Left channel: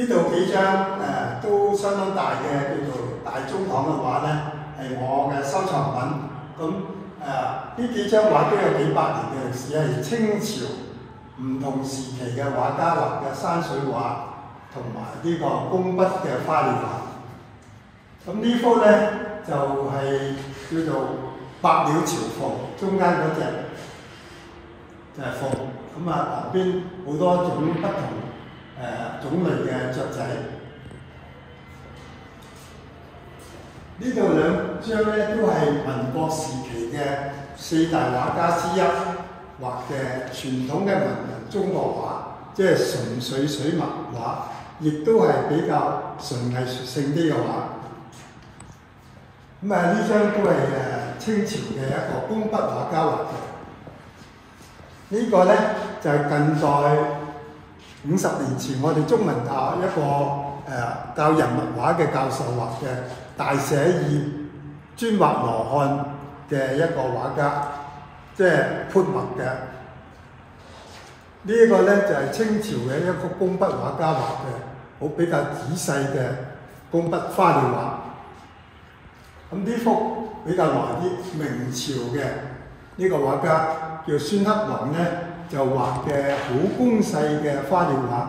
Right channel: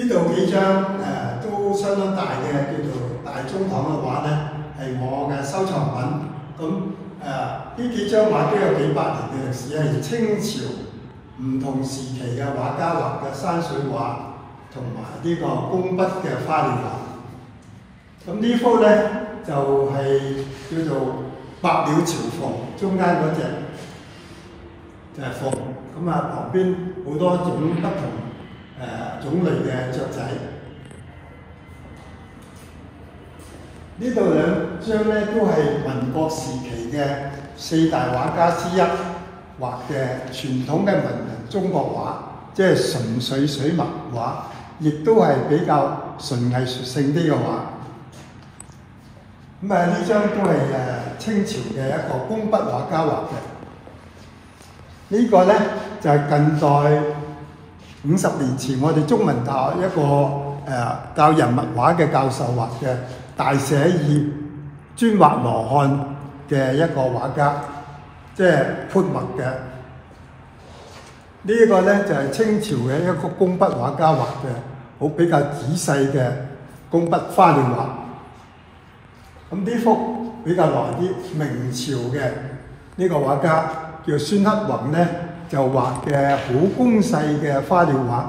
呢度幾張都相當大嘅叫做大中堂嘅畫咧，係我嘅收藏品。咁呢幾張畫都有幾百年嘅歷史，係清朝唔同時期嘅畫家畫嘅山水畫同埋呢個工筆嘅花鳥畫。咁呢幅咧就係叫做百鳥朝鳳，中間嗰隻就係鳳，咁旁邊好多種不同種類嘅雀仔。呢度兩張咧都係民國時期嘅4大畫家之一畫嘅傳統嘅文人中國畫，即係純粹水墨畫，亦都係比較純藝術性啲嘅畫。咁呢張都係清朝嘅一個工筆畫家畫嘅。呢個咧就係近代50年前我哋中文大學一個教人物畫嘅教授畫嘅大寫意專畫羅漢嘅一個畫家，即係潑墨嘅。呢個咧就係清朝嘅一個工筆畫家畫嘅，好比較仔細嘅工筆花鳥畫。咁呢幅比較耐啲，明朝嘅呢個畫家叫孫克宏咧，就畫嘅好工細嘅花鳥畫，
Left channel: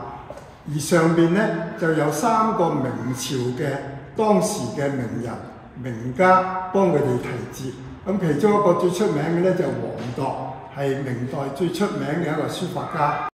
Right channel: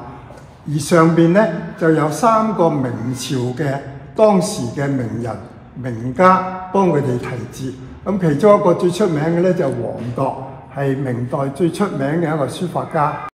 而上邊咧就有3個明朝嘅當時嘅名人名家幫佢哋題字。咁其中一個最出名嘅咧就黃鐸，係明代最出名嘅一個書法家。